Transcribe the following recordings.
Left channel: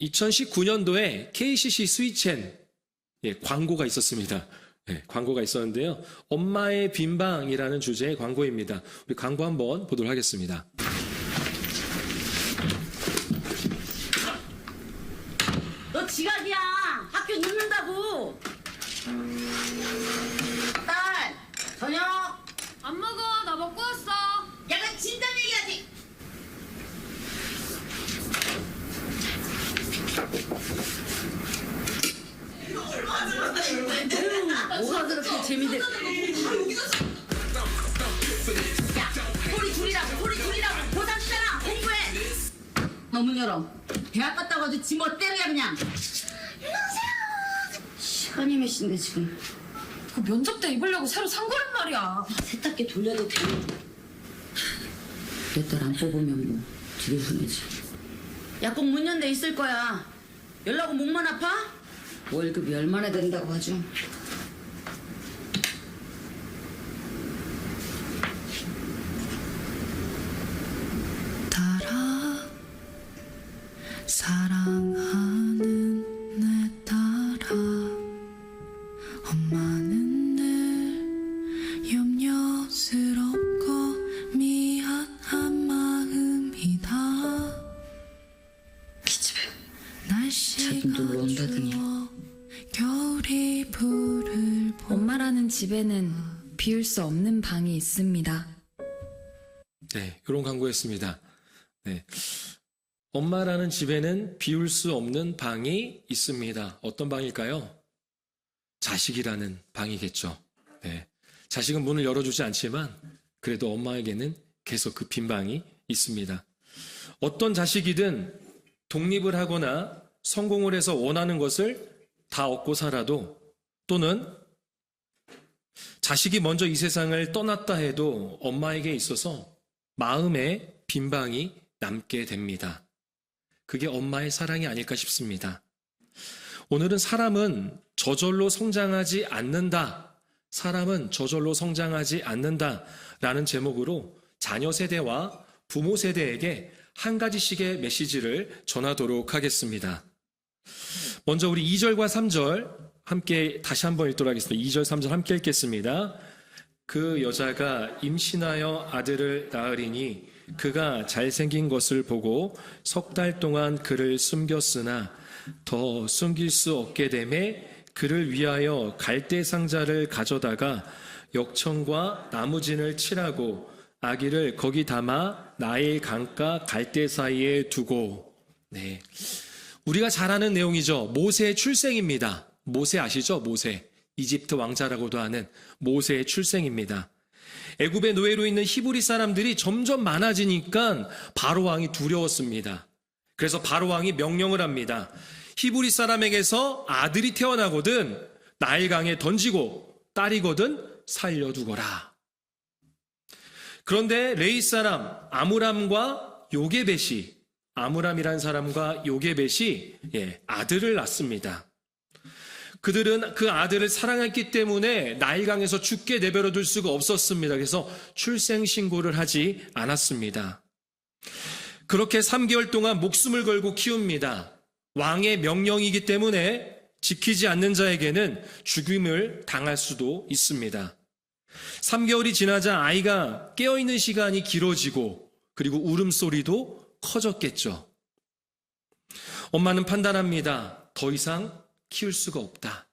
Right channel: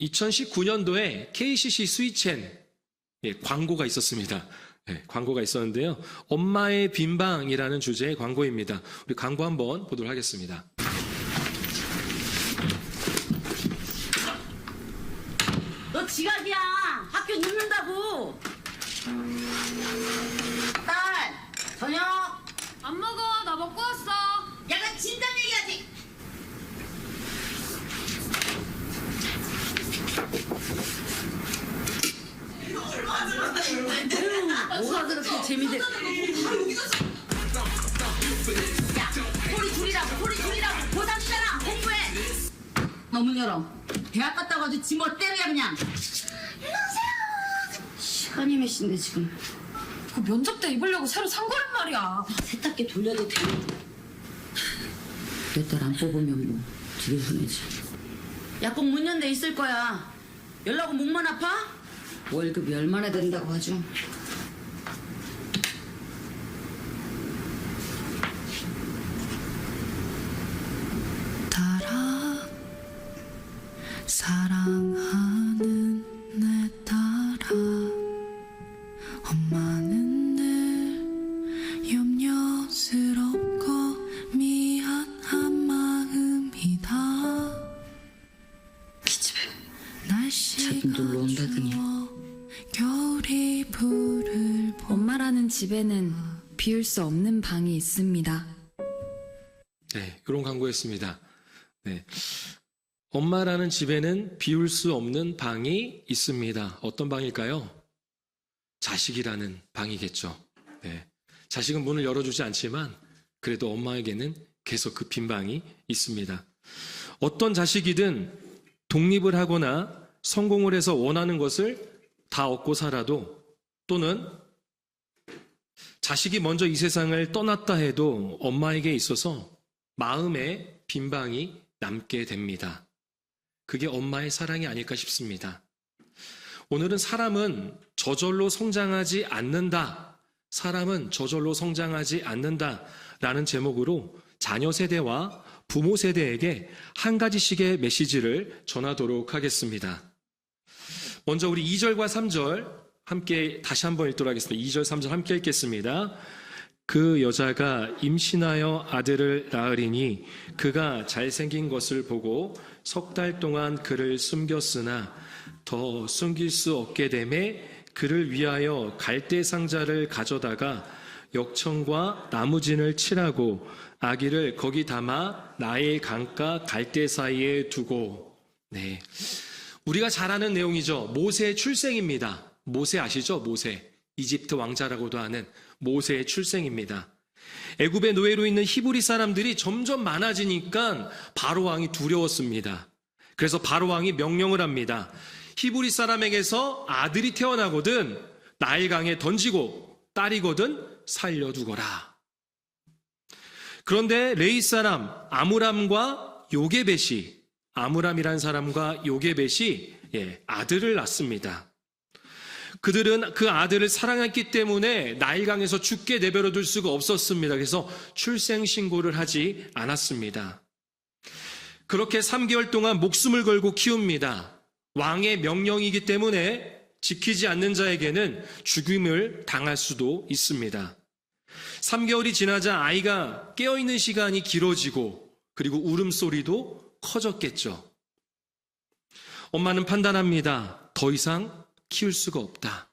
2019년도에 KCC 스위첸 광고가 있었습니다. 광고가 있었는데요. 엄마의 빈방이라는 주제의 광고입니다. 우리 광고 한번 보도록 하겠습니다. 너 지각이야. 학교 늦는다고. 딸, 저녁. 안 먹어. 나 먹고 왔어. 야, 너 진작 얘기하지. 뭐가 그렇게 재미들. 소리 줄이라고. 고단이잖아. 공부해. 너 문 열어. 대학 갔다고 아주 지 멋대로야 그냥. 시간이 몇 시인데 지금. 그 면접 때 입으려고 새로 산 거란 말이야. 세탁기 돌려도 돼. 내 딸 안 뽑으면 뭐 기대성이지. 약국 문 연대 있을 거야. 연락은 목만 아파? 월급이 얼마나 된다고 하죠? 따라 사랑하는 내 딸아 엄마는 늘 염려스럽고 미안한 마음이다 기집애. 날씨가 자기도 모른다더니. 추워 겨울이 불을 엄마라는 집에는 비울 수 없는 방이 있습니다. 이런 광고였습니다. 엄마라는 집에는 비울 수 없는 방이 있습니다. 어떤 방일까요? 자식이라는 방이겠죠. 자식은 문을 열어주지 않지만 그래도 엄마에게는 계속 그 빈 방이 있습니다. 어떤 자식이든 독립을 하거나 성공을 해서 원하는 것을 다 얻고 살아도 또는 자식이 먼저 이 세상을 떠났다 해도 엄마에게 있어서 마음에 빈 방이 남게 됩니다. 그게 엄마의 사랑이 아닐까 싶습니다. 오늘은 사람은 저절로 성장하지 않는다. 사람은 저절로 성장하지 않는다. 라는 제목으로 자녀 세대와 부모 세대에게 한 가지씩의 메시지를 전하도록 하겠습니다. 먼저 우리 2절과 3절 함께 다시 한번 읽도록 하겠습니다. 2절, 3절 함께 읽겠습니다. 그 여자가 임신하여 아들을 낳으리니 그가 잘생긴 것을 보고 석 달 동안 그를 숨겼으나 더 숨길 수 없게 되매 그를 위하여 갈대 상자를 가져다가 역청과 나무진을 칠하고 아기를 거기 담아 나일 강가 갈대 사이에 두고. 우리가 잘 아는 내용이죠. 모세의 출생입니다. 모세 아시죠? 모세. 이집트 왕자라고도 하는 모세의 출생입니다. 애굽의 노예로 있는 히브리 사람들이 점점 많아지니까 바로 왕이 두려웠습니다. 그래서 바로 왕이 명령을 합니다. 히브리 사람에게서 아들이 태어나거든 나일강에 던지고 딸이거든 살려두거라. 그런데 레위 사람 아므람과 요게벳이 아므람이라는 사람과 요게벳이 아들을 낳습니다. 그들은 그 아들을 사랑했기 때문에 나일강에서 죽게 내버려 둘 수가 없었습니다. 그래서 출생 신고를 하지 않았습니다. 그렇게 3개월 동안 목숨을 걸고 키웁니다. 왕의 명령이기 때문에 지키지 않는 자에게는 죽임을 당할 수도 있습니다. 3개월이 지나자 아이가 깨어있는 시간이 길어지고 그리고 울음소리도 커졌겠죠. 엄마는 판단합니다. 더 이상 키울 수가 없다.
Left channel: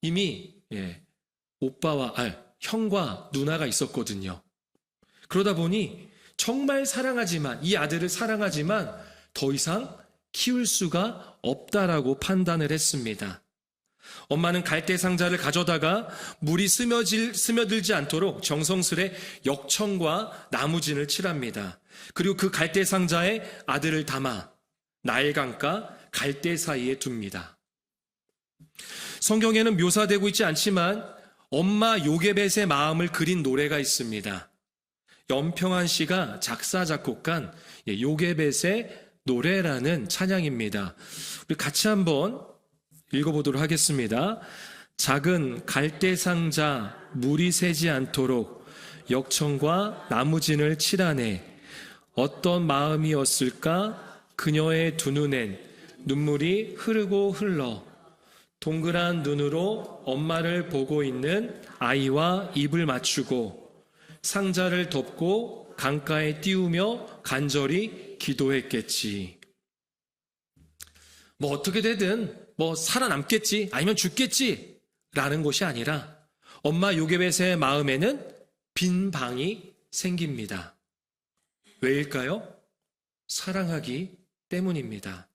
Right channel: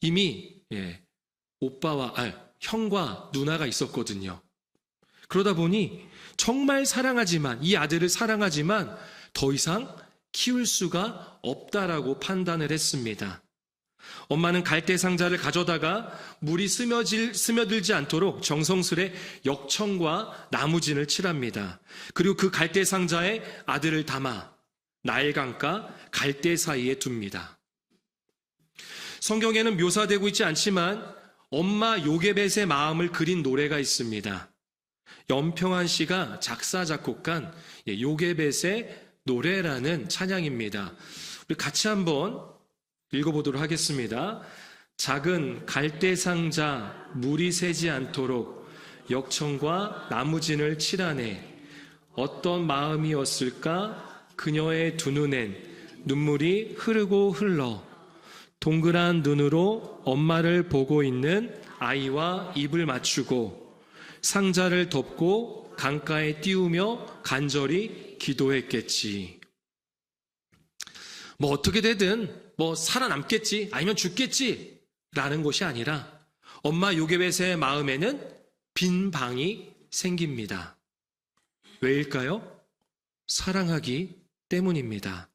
이미 형과 누나가 있었거든요. 그러다 보니 정말 사랑하지만 이 아들을 사랑하지만 더 이상 키울 수가 없다라고 판단을 했습니다. 엄마는 갈대 상자를 가져다가 물이 스며들지 않도록 정성스레 역청과 나무진을 칠합니다. 그리고 그 갈대 상자에 아들을 담아 나일강가 갈대 사이에 둡니다. 성경에는 묘사되고 있지 않지만 엄마 요게벳의 마음을 그린 노래가 있습니다. 연평한 씨가 작사 작곡한 요게벳의 노래라는 찬양입니다. 우리 같이 한번 읽어보도록 하겠습니다. 작은 갈대 상자 물이 새지 않도록 역청과 나무진을 칠하네. 어떤 마음이었을까 그녀의 두 눈엔 눈물이 흐르고 흘러 동그란 눈으로 엄마를 보고 있는 아이와 입을 맞추고 상자를 덮고 강가에 띄우며 간절히 기도했겠지. 뭐 어떻게 되든 뭐 살아남겠지 아니면 죽겠지 라는 것이 아니라 엄마 요게벳의 마음에는 빈 방이 생깁니다. 왜일까요? 사랑하기 때문입니다.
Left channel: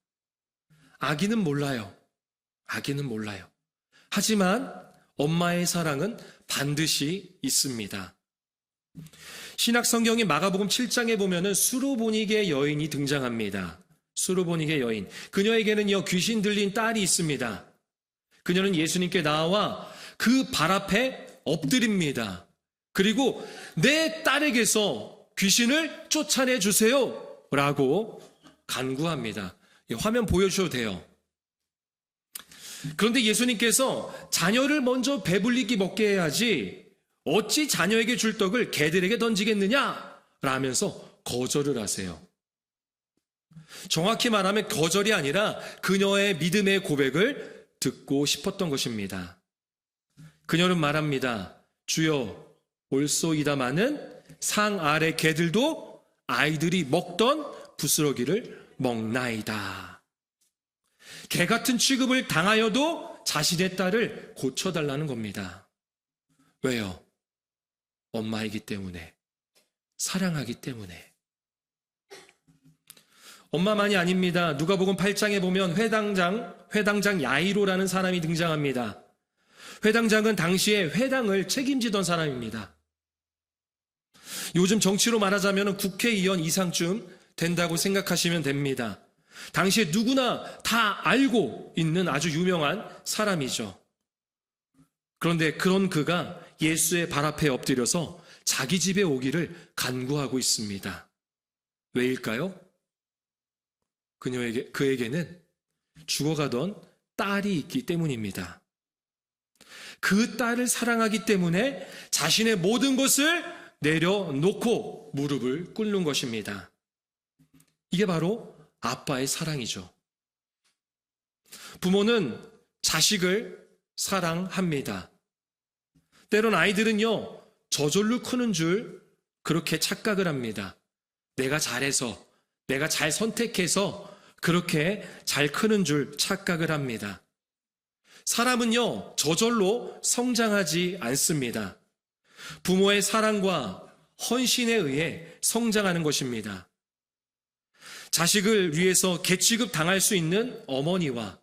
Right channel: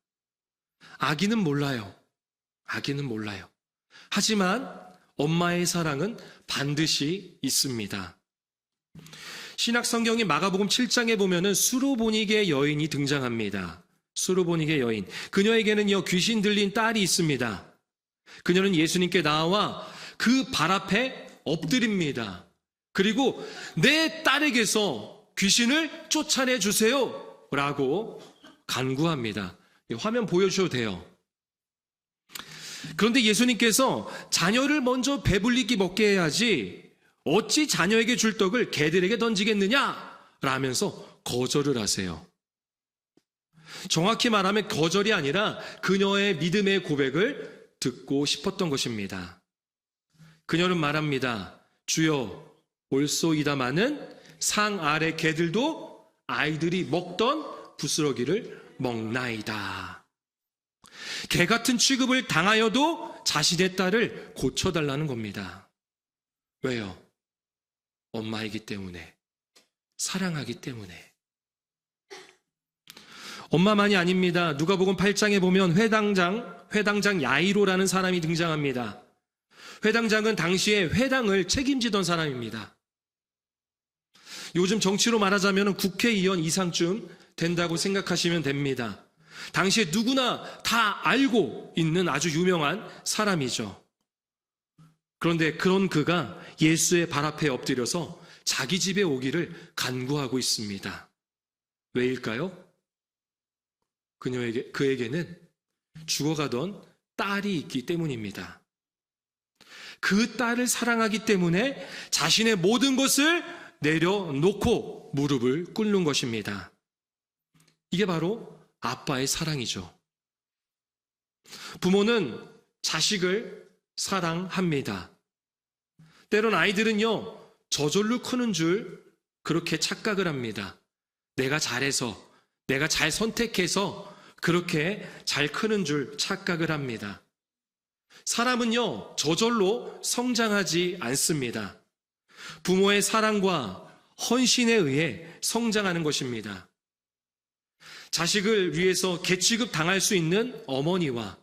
아기는 몰라요. 아기는 몰라요. 하지만 엄마의 사랑은 반드시 있습니다. 신약 성경의 마가복음 7장에 보면은 수르보니게 여인이 등장합니다. 수르보니게 여인. 그녀에게는요, 귀신 들린 딸이 있습니다. 그녀는 예수님께 나와 그 발 앞에 엎드립니다. 그리고 내 딸에게서 귀신을 쫓아내 주세요. 라고 간구합니다. 화면 보여주셔도 돼요. 그런데 예수님께서 자녀를 먼저 배불리게 먹게 해야지 어찌 자녀에게 줄 떡을 개들에게 던지겠느냐? 라면서 거절을 하세요. 정확히 말하면 거절이 아니라 그녀의 믿음의 고백을 듣고 싶었던 것입니다. 그녀는 말합니다. 주여, 올소이다마는 상 아래 개들도 아이들이 먹던 부스러기를 먹나이다. 개 같은 취급을 당하여도 자신의 딸을 고쳐달라는 겁니다. 왜요? 엄마이기 때문에, 사랑하기 때문에. 엄마만이 아닙니다. 누가복음 8장에 보면 회당장 야이로라는 사람이 등장합니다. 회당장은 당시에 회당을 책임지던 사람입니다. 요즘 정치로 말하자면 국회의원 이상쯤 된다고 생각하시면 됩니다. 당시에 누구나 다 알고 있는 아주 유명한 사람이죠. 그런데 그런 그가 예수의 발 앞에 엎드려서 자기 집에 오기를 간구하고 있습니다. 왜일까요? 그에게는 죽어가던 딸이 있기 때문입니다. 그 딸을 사랑하기 때문에 자신의 모든 것을 내려놓고 무릎을 꿇는 것입니다. 이게 바로 아빠의 사랑이죠. 부모는 자식을 사랑합니다. 때론 아이들은요, 저절로 크는 줄 그렇게 착각을 합니다. 내가 잘해서, 내가 잘 선택해서 그렇게 잘 크는 줄 착각을 합니다. 사람은요, 저절로 성장하지 않습니다. 부모의 사랑과 헌신에 의해 성장하는 것입니다. 자식을 위해서 개취급 당할 수 있는 어머니와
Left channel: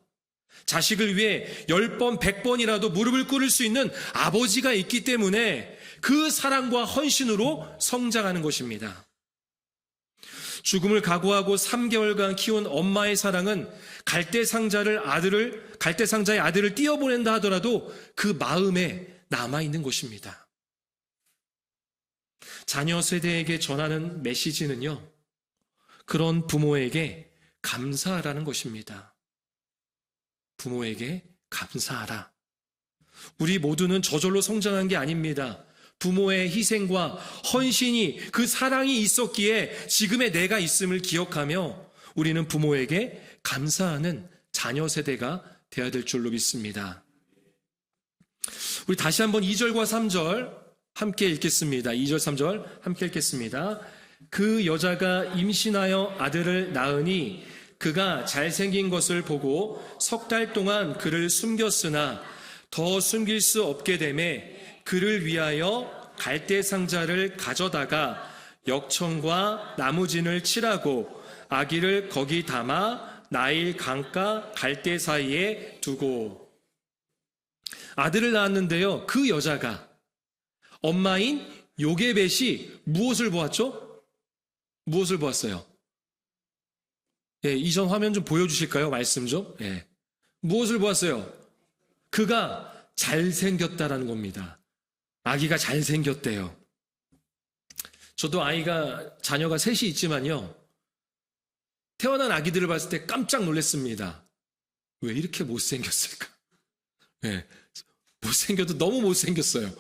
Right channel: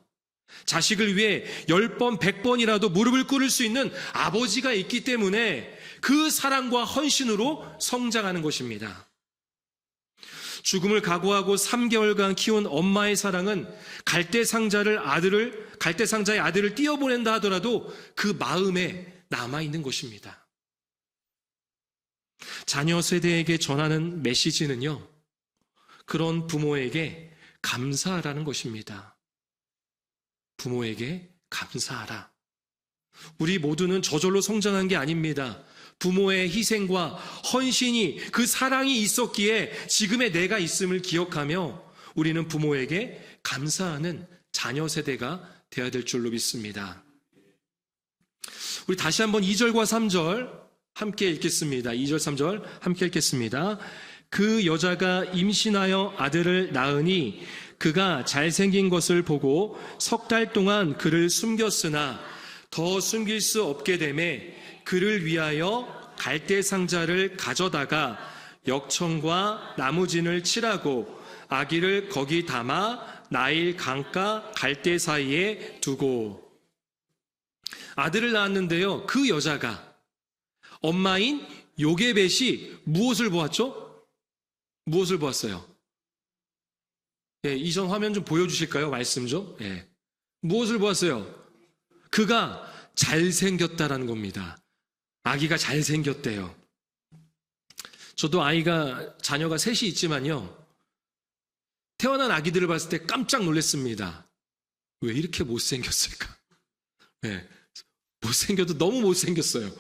자식을 위해 10번, 100번이라도 무릎을 꿇을 수 있는 아버지가 있기 때문에 그 사랑과 헌신으로 성장하는 것입니다. 죽음을 각오하고 3개월간 키운 엄마의 사랑은 갈대상자의 아들을 띄어보낸다 하더라도 그 마음에 남아있는 것입니다. 자녀 세대에게 전하는 메시지는요, 그런 부모에게 감사하라는 것입니다. 부모에게 감사하라. 우리 모두는 저절로 성장한 게 아닙니다. 부모의 희생과 헌신이, 그 사랑이 있었기에 지금의 내가 있음을 기억하며 우리는 부모에게 감사하는 자녀 세대가 되어야 될 줄로 믿습니다. 우리 다시 한번 2절과 3절 함께 읽겠습니다. 2절, 3절 함께 읽겠습니다. 그 여자가 임신하여 아들을 낳으니 그가 잘생긴 것을 보고 3달 동안 그를 숨겼으나 더 숨길 수 없게 되매 그를 위하여 갈대상자를 가져다가 역청과 나무진을 칠하고 아기를 거기 담아 나일 강가 갈대 사이에 두고. 아들을 낳았는데요, 그 여자가 엄마인 요게벳이 무엇을 보았죠? 무엇을 보았어요? 예, 이전 화면 좀 보여주실까요? 말씀 좀. 예. 무엇을 보았어요? 그가 잘생겼다라는 겁니다. 아기가 잘생겼대요. 저도 자녀가 셋이 있지만요, 태어난 아기들을 봤을 때 깜짝 놀랐습니다. 왜 이렇게 못생겼을까? 예. 못생겨도 너무 못생겼어요.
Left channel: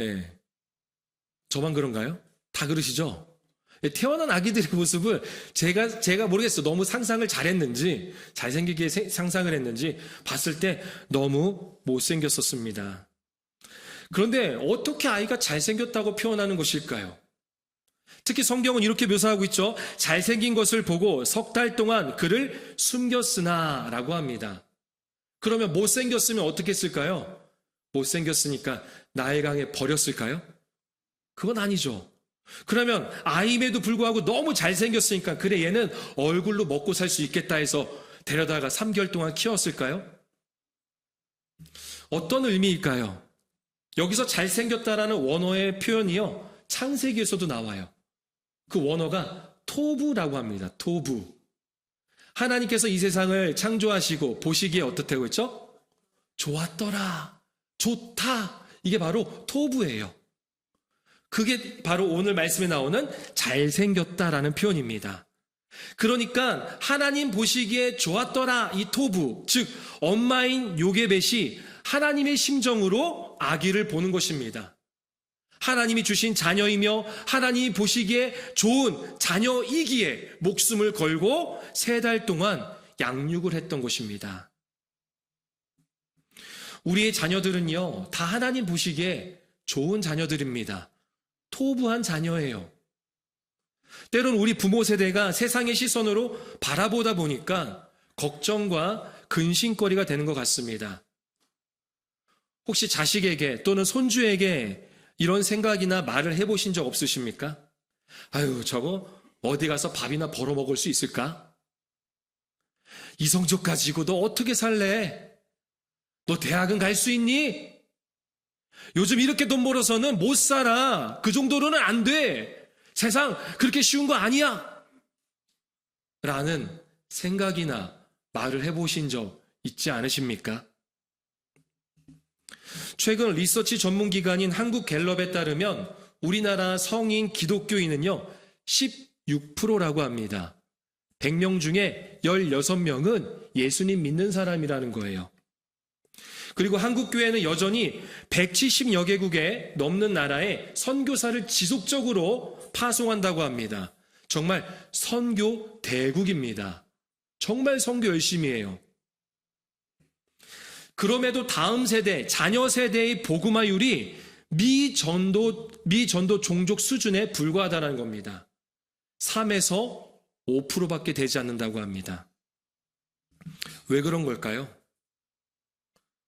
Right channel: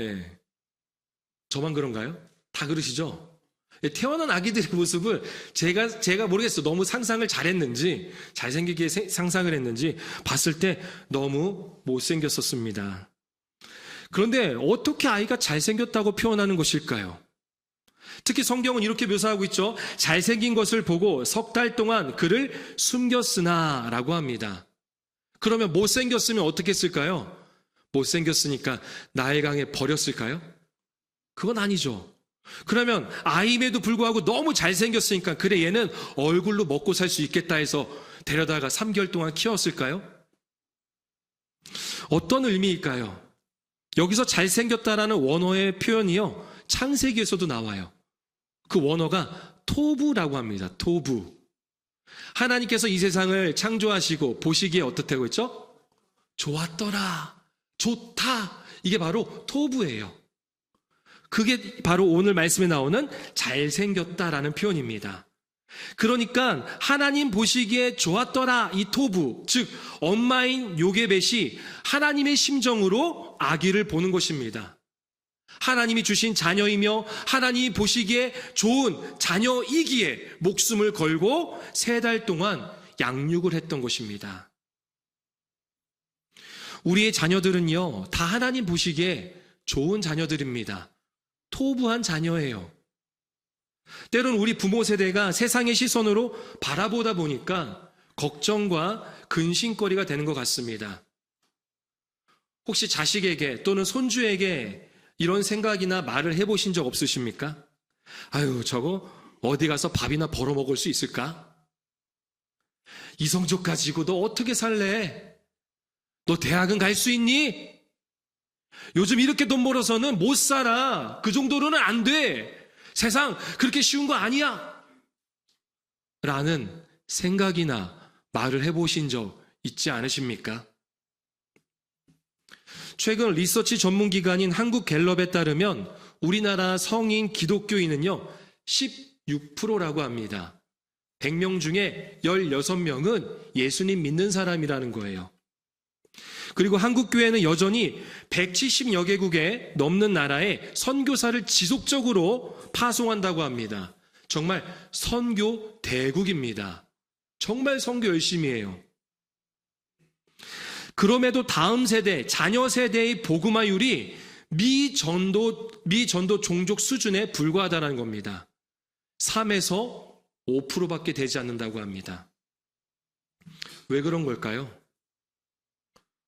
예. 저만 그런가요? 다 그러시죠? 태어난 아기들의 모습을 제가 모르겠어요. 너무 상상을 잘했는지, 잘생기게 상상을 했는지, 봤을 때 너무 못생겼었습니다. 그런데 어떻게 아이가 잘생겼다고 표현하는 것일까요? 특히 성경은 이렇게 묘사하고 있죠. 잘생긴 것을 보고 3달 동안 그를 숨겼으나 라고 합니다. 그러면 못생겼으면 어떻게 했을까요? 못생겼으니까 나의 강에 버렸을까요? 그건 아니죠. 그러면 아임에도 불구하고 너무 잘생겼으니까 그래 얘는 얼굴로 먹고 살 수 있겠다 해서 데려다가 3개월 동안 키웠을까요? 어떤 의미일까요? 여기서 잘생겼다라는 원어의 표현이요, 창세기에서도 나와요. 그 원어가 토부라고 합니다. 토부. 하나님께서 이 세상을 창조하시고 보시기에 어떻다고 했죠? 좋았더라, 좋다. 이게 바로 토부예요. 그게 바로 오늘 말씀에 나오는 잘생겼다라는 표현입니다. 그러니까 하나님 보시기에 좋았더라, 이 토부, 즉 엄마인 요게벳이 하나님의 심정으로 아기를 보는 것입니다. 하나님이 주신 자녀이며 하나님이 보시기에 좋은 자녀이기에 목숨을 걸고 3달 동안 양육을 했던 것입니다. 우리의 자녀들은요, 다 하나님 보시기에 좋은 자녀들입니다. 토부한 자녀예요. 때론 우리 부모 세대가 세상의 시선으로 바라보다 보니까 걱정과 근심거리가 되는 것 같습니다. 혹시 자식에게 또는 손주에게 이런 생각이나 말을 해보신 적 없으십니까? 아유, 저거 어디 가서 밥이나 벌어먹을 수 있을까? 이 성적 가지고 너 어떻게 살래? 너 대학은 갈 수 있니? 요즘 이렇게 돈 벌어서는 못 살아. 그 정도로는 안 돼. 세상 그렇게 쉬운 거 아니야. 라는 생각이나 말을 해보신 적 있지 않으십니까? 최근 리서치 전문기관인 한국갤럽에 따르면 우리나라 성인 기독교인은요 16%라고 합니다. 100명 중에 16명은 예수님 믿는 사람이라는 거예요. 그리고 한국교회는 여전히 170여 개국에 넘는 나라에 선교사를 지속적으로 파송한다고 합니다. 정말 선교 대국입니다. 정말 선교 열심히 해요. 그럼에도 다음 세대, 자녀 세대의 복음화율이 미전도 종족 수준에 불과하다는 겁니다. 3에서 5%밖에 되지 않는다고 합니다. 왜 그런 걸까요?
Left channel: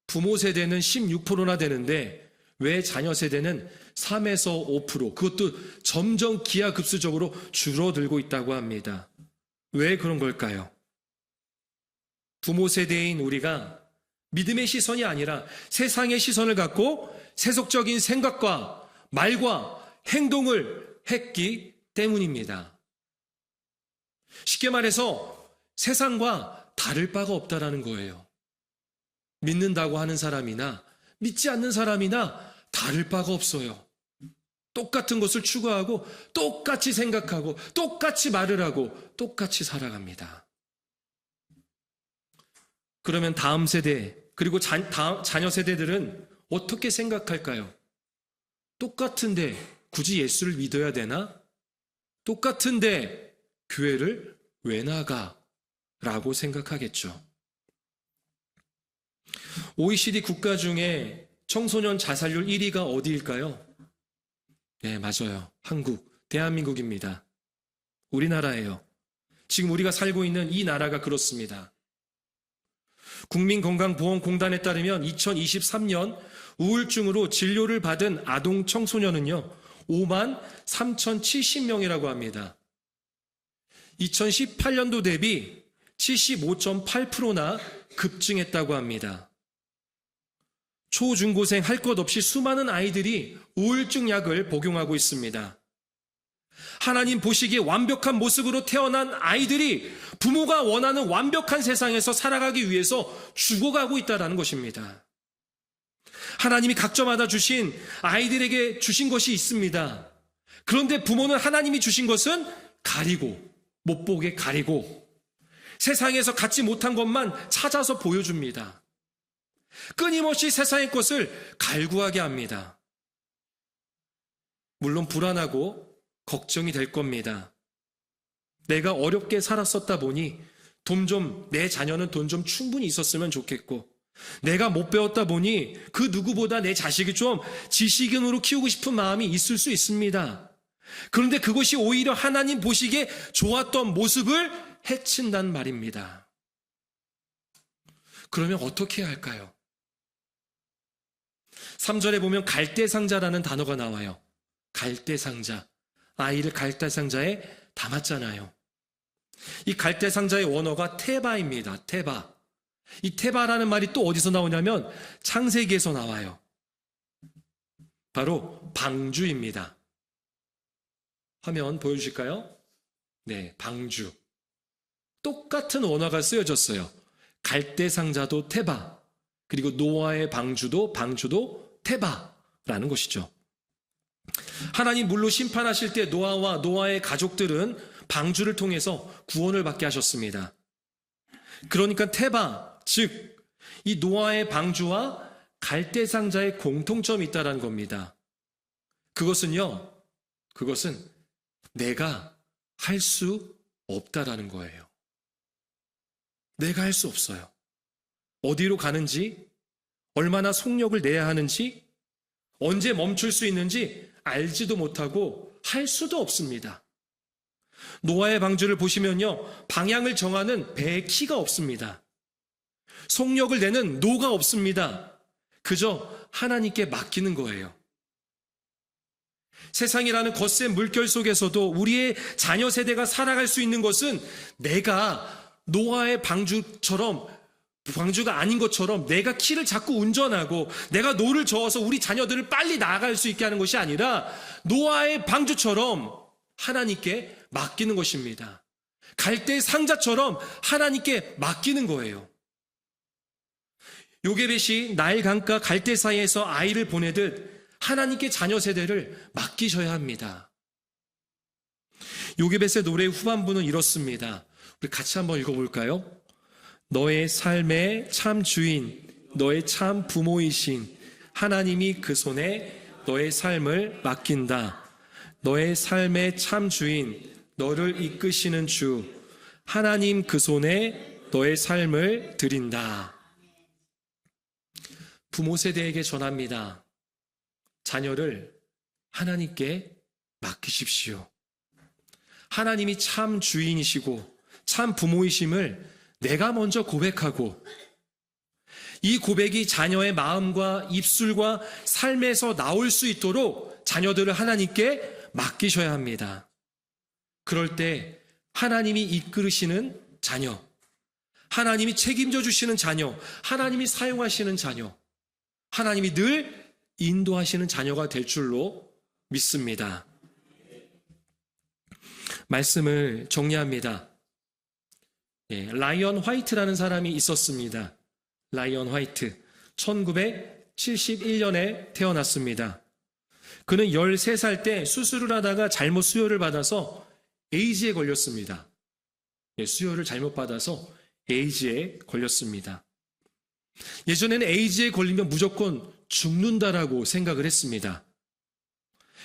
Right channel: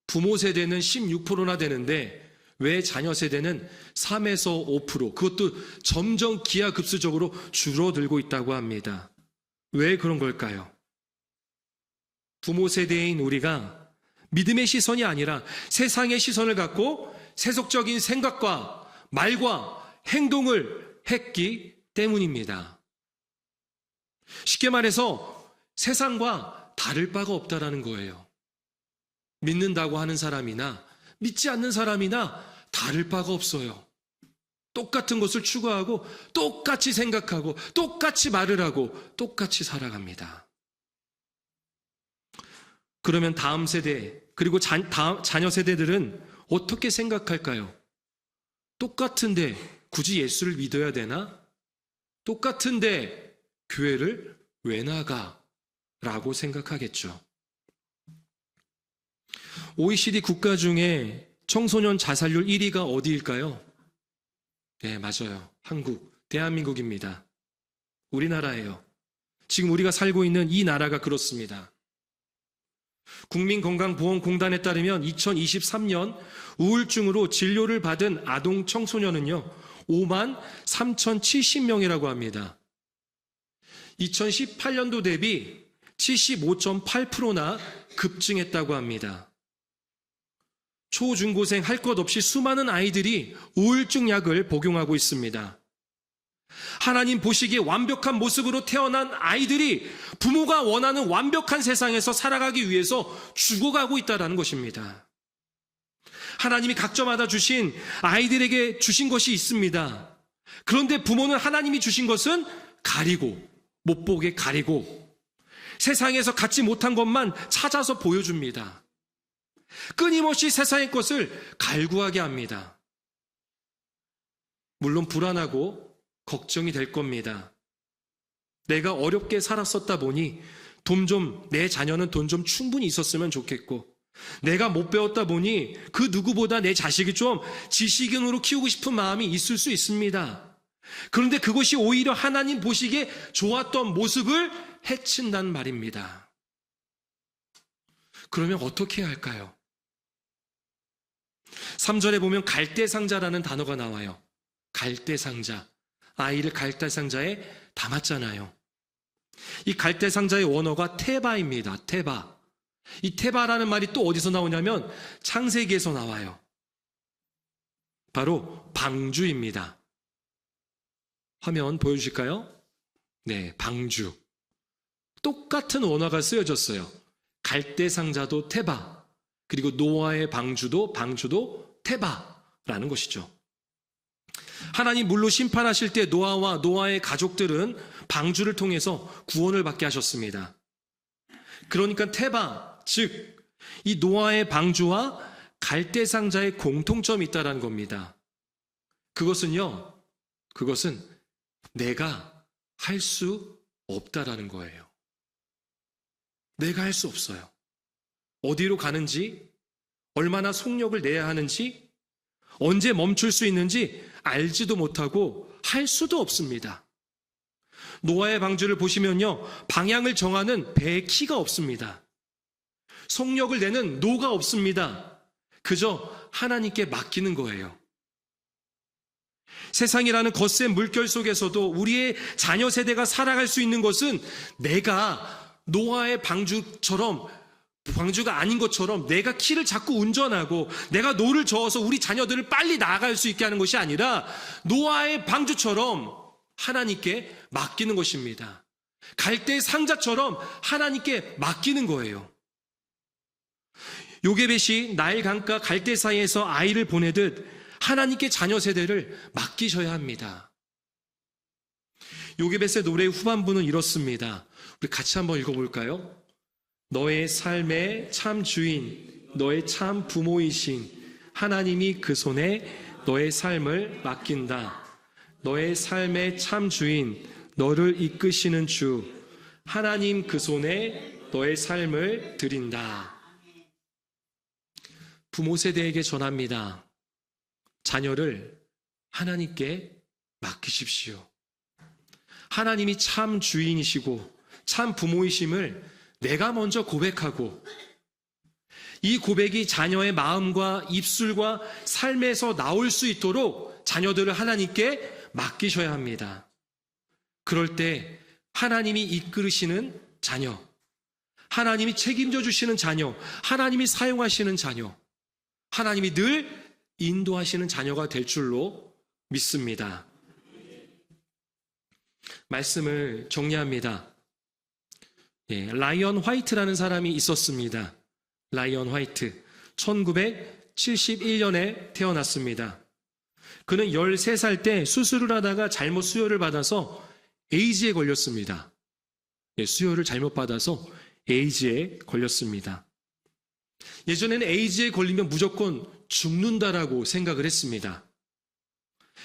부모 세대는 16%나 되는데 왜 자녀 세대는 3에서 5%, 그것도 점점 기하급수적으로 줄어들고 있다고 합니다. 왜 그런 걸까요? 부모 세대인 우리가 믿음의 시선이 아니라 세상의 시선을 갖고 세속적인 생각과 말과 행동을 했기 때문입니다. 쉽게 말해서 세상과 다를 바가 없다라는 거예요. 믿는다고 하는 사람이나 믿지 않는 사람이나 다를 바가 없어요. 똑같은 것을 추구하고 똑같이 생각하고 똑같이 말을 하고 똑같이 살아갑니다. 그러면 다음 세대 그리고 자녀 세대들은 어떻게 생각할까요? 똑같은데 굳이 예수를 믿어야 되나? 똑같은데 교회를 왜 나가? 라고 생각하겠죠. OECD 국가 중에 청소년 자살률 1위가 어디일까요? 네, 맞아요. 한국, 대한민국입니다. 우리나라예요. 지금 우리가 살고 있는 이 나라가 그렇습니다. 국민건강보험공단에 따르면 2023년 우울증으로 진료를 받은 아동 청소년은요 5만 3,070명이라고 합니다. 2018년도 대비 75.8%나 급증했다고 합니다. 초중고생 할 것 없이 수많은 아이들이 우울증 약을 복용하고 있습니다. 하나님 보시기에 완벽한 모습으로 태어난 아이들이 부모가 원하는 완벽한 세상에서 살아가기 위해서 죽어가고 있다는 것입니다. 하나님이 각자마다 주신 아이들에게 주신 것이 있습니다. 그런데 부모는 하나님이 주신 것은 가리고 못 보게 가리고 세상에서 갖지 못한 것만 찾아서 보여줍니다. 끊임없이 세상의 것을 갈구하게 합니다. 물론 불안하고 걱정이 될 겁니다. 내가 어렵게 살았었다 보니 내 자녀는 돈 좀 충분히 있었으면 좋겠고, 내가 못 배웠다 보니 그 누구보다 내 자식이 좀 지식인으로 키우고 싶은 마음이 있을 수 있습니다. 그런데 그것이 오히려 하나님 보시기에 좋았던 모습을 해친단 말입니다. 그러면 어떻게 해야 할까요? 3절에 보면 갈대상자라는 단어가 나와요. 갈대상자. 아이를 갈대상자에 담았잖아요. 이 갈대상자의 원어가 테바입니다. 테바. 이 테바라는 말이 또 어디서 나오냐면 창세기에서 나와요. 바로 방주입니다. 화면 보여주실까요? 네, 방주. 똑같은 원어가 쓰여졌어요. 갈대상자도 테바, 그리고 노아의 방주도 테바라는 것이죠. 하나님 물로 심판하실 때 노아와 노아의 가족들은 방주를 통해서 구원을 받게 하셨습니다. 그러니까 테바, 즉 이 노아의 방주와 갈대상자의 공통점이 있다는 겁니다. 그것은 내가 할 수 없다라는 거예요. 내가 할 수 없어요. 어디로 가는지, 얼마나 속력을 내야 하는지, 언제 멈출 수 있는지 알지도 못하고 할 수도 없습니다. 노아의 방주를 보시면요, 방향을 정하는 배의 키가 없습니다. 속력을 내는 노가 없습니다. 그저 하나님께 맡기는 거예요. 세상이라는 거센 물결 속에서도 우리의 자녀 세대가 살아갈 수 있는 것은 내가 노아의 방주가 아닌 것처럼 내가 키를 자꾸 운전하고 내가 노를 저어서 우리 자녀들을 빨리 나아갈 수 있게 하는 것이 아니라 노아의 방주처럼 하나님께 맡기는 것입니다. 갈대 상자처럼 하나님께 맡기는 거예요. 요게벳이 나일 강가 갈대 사이에서 아이를 보내듯 하나님께 자녀 세대를 맡기셔야 합니다. 요게벳의 노래의 후반부는 이렇습니다. 우리 같이 한번 읽어볼까요? 너의 삶의 참 주인, 너의 참 부모이신 하나님이 그 손에 너의 삶을 맡긴다. 너의 삶의 참 주인, 너를 이끄시는 주, 하나님 그 손에 너의 삶을 드린다. 부모 세대에게 전합니다. 자녀를 하나님께 맡기십시오. 하나님이 참 주인이시고 참 부모이심을 내가 먼저 고백하고 이 고백이 자녀의 마음과 입술과 삶에서 나올 수 있도록 자녀들을 하나님께 맡기셔야 합니다. 그럴 때 하나님이 이끌으시는 자녀, 하나님이 책임져 주시는 자녀, 하나님이 사용하시는 자녀, 하나님이 늘 인도하시는 자녀가 될 줄로 믿습니다. 말씀을 정리합니다. 라이언 화이트라는 사람이 있었습니다. 라이언 화이트. 1971년에 태어났습니다. 그는 13살 때 수술을 하다가 잘못 수혈을 받아서 에이즈에 걸렸습니다. 수혈을 잘못 받아서 에이즈에 걸렸습니다. 예전에는 에이즈에 걸리면 무조건 죽는다라고 생각을 했습니다.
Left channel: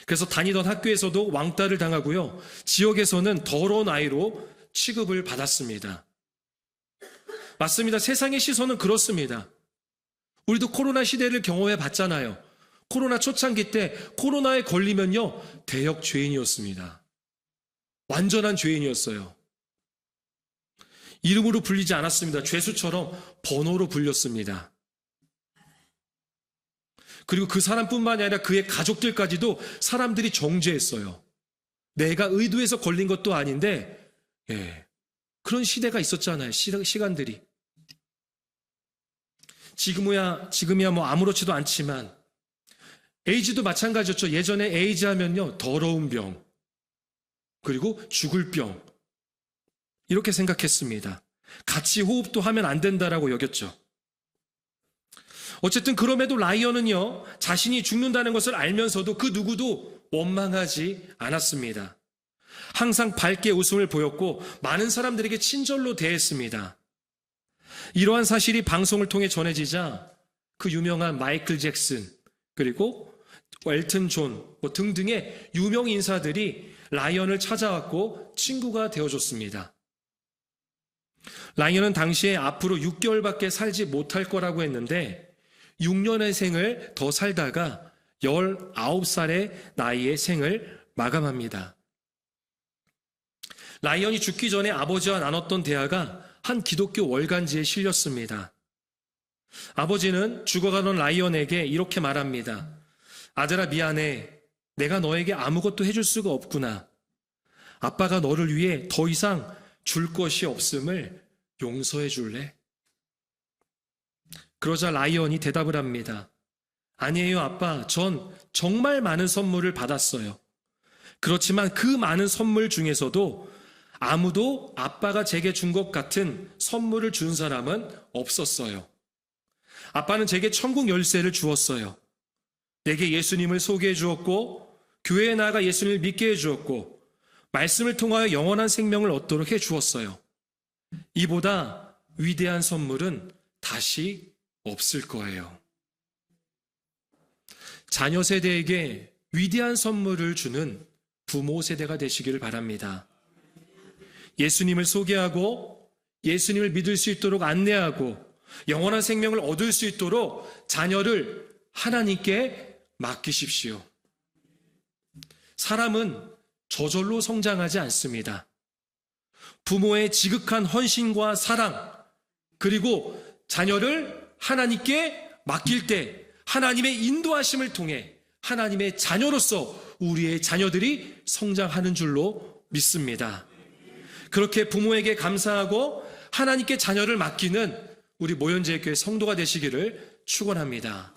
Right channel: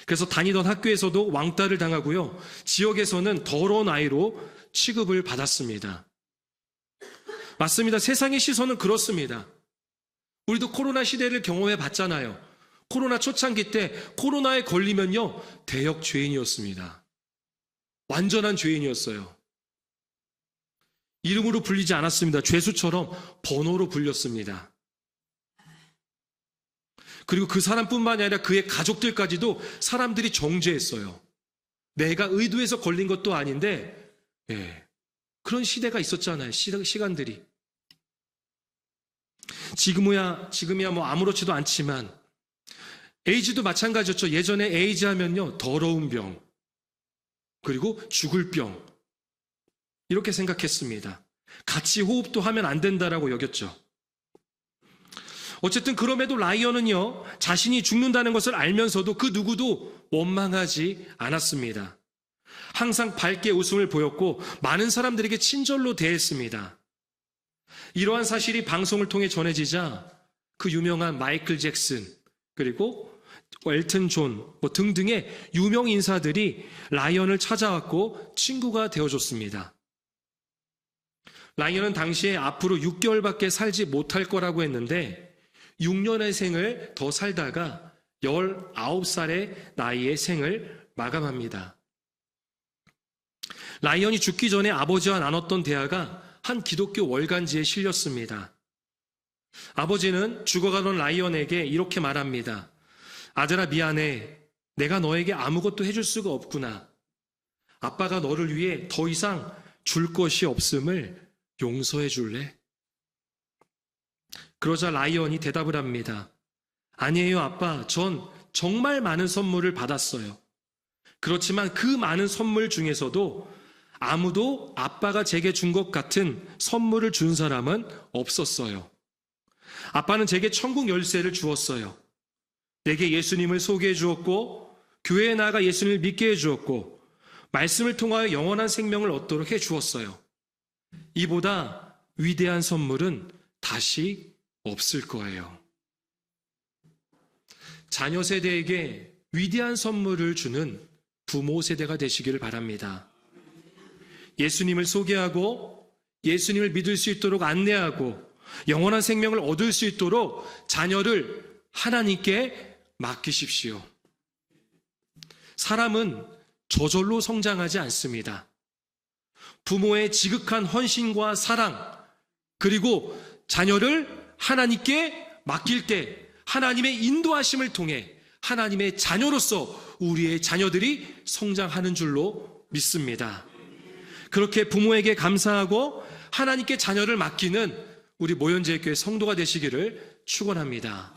그래서 다니던 학교에서도 왕따를 당하고요. 지역에서는 더러운 아이로 취급을 받았습니다. 맞습니다. 세상의 시선은 그렇습니다. 우리도 코로나 시대를 경험해 봤잖아요. 코로나 초창기 때 코로나에 걸리면요, 대역 죄인이었습니다. 완전한 죄인이었어요. 이름으로 불리지 않았습니다. 죄수처럼 번호로 불렸습니다. 그리고 그 사람뿐만이 아니라 그의 가족들까지도 사람들이 정죄했어요. 내가 의도해서 걸린 것도 아닌데 그런 시대가 있었잖아요. 시간들이. 지금이야 뭐 아무렇지도 않지만 에이즈도 마찬가지였죠. 예전에 에이즈 하면요, 더러운 병, 그리고 죽을 병, 이렇게 생각했습니다. 같이 호흡도 하면 안 된다라고 여겼죠. 어쨌든 그럼에도 라이언은요, 자신이 죽는다는 것을 알면서도 그 누구도 원망하지 않았습니다. 항상 밝게 웃음을 보였고 많은 사람들에게 친절로 대했습니다. 이러한 사실이 방송을 통해 전해지자 그 유명한 마이클 잭슨, 그리고 엘튼 존 등등의 유명 인사들이 라이언을 찾아왔고 친구가 되어줬습니다. 라이언은 당시에 앞으로 6개월밖에 살지 못할 거라고 했는데 6년의 생을 더 살다가 19살의 나이에 생을 마감합니다. 라이언이 죽기 전에 아버지와 나눴던 대화가 한 기독교 월간지에 실렸습니다. 아버지는 죽어가던 라이언에게 이렇게 말합니다. 아들아, 미안해. 내가 너에게 아무것도 해줄 수가 없구나. 아빠가 너를 위해 더 이상 줄 것이 없음을 용서해 줄래? 그러자 라이언이 대답을 합니다. 아니에요, 아빠. 전 정말 많은 선물을 받았어요. 그렇지만 그 많은 선물 중에서도 아무도 아빠가 제게 준 것 같은 선물을 준 사람은 없었어요. 아빠는 제게 천국 열쇠를 주었어요. 내게 예수님을 소개해 주었고, 교회에 나가 예수님을 믿게 해 주었고, 말씀을 통하여 영원한 생명을 얻도록 해 주었어요. 이보다 위대한 선물은 다시 없을 거예요. 자녀 세대에게 위대한 선물을 주는 부모 세대가 되시기를 바랍니다. 예수님을 소개하고 예수님을 믿을 수 있도록 안내하고 영원한 생명을 얻을 수 있도록 자녀를 하나님께 맡기십시오. 사람은 저절로 성장하지 않습니다. 부모의 지극한 헌신과 사랑, 그리고 자녀를 하나님께 맡길 때 하나님의 인도하심을 통해 하나님의 자녀로서 우리의 자녀들이 성장하는 줄로 믿습니다. 그렇게 부모에게 감사하고 하나님께 자녀를 맡기는 우리 모현제일교회 성도가 되시기를 축원합니다.